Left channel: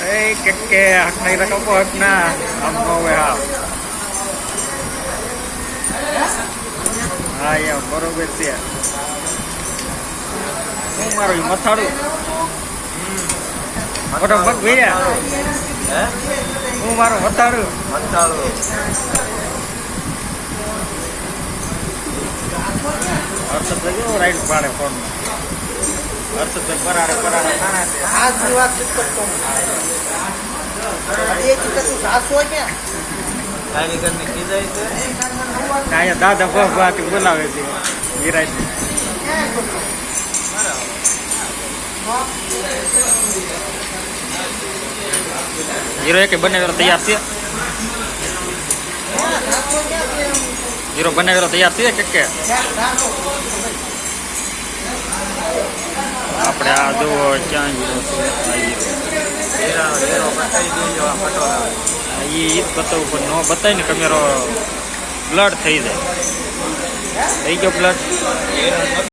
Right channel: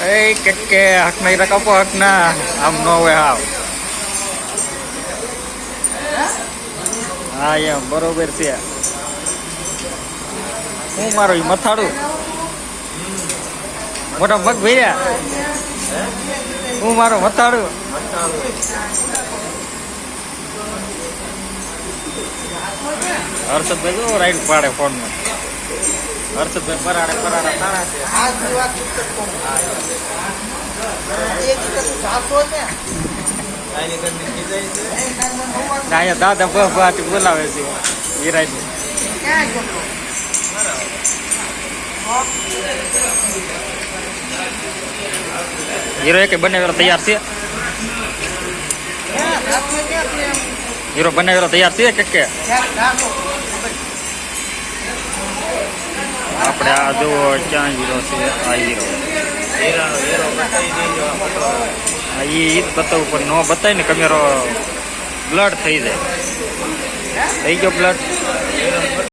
એ કે હાથ નહીં રકાપો હાથ ના આમ ન હોય હા હા એમ બરોબર છે હું મારો મથાડું મોટા પગ ભર્યા હું મારો મથાડું હર્ષદભાઈ જો રાઈડ પાડે ફોનમાં હર્ષદભાઈ પરાડે ખાણા છે અહીંયા દાદા બાથી બોલાવે છે વિરાજ હીરો એક બનાવેલો તૈયાર છે હીરો બનાવેલો તૈયાર છે કે આપણે આ જુઓ ક્યાં હીરો છે આ હીરો એ બતાવવું પણ ન બતાય ને કેમેરો બ્લડ થઈ જાય થઈ ગયો બ્લડ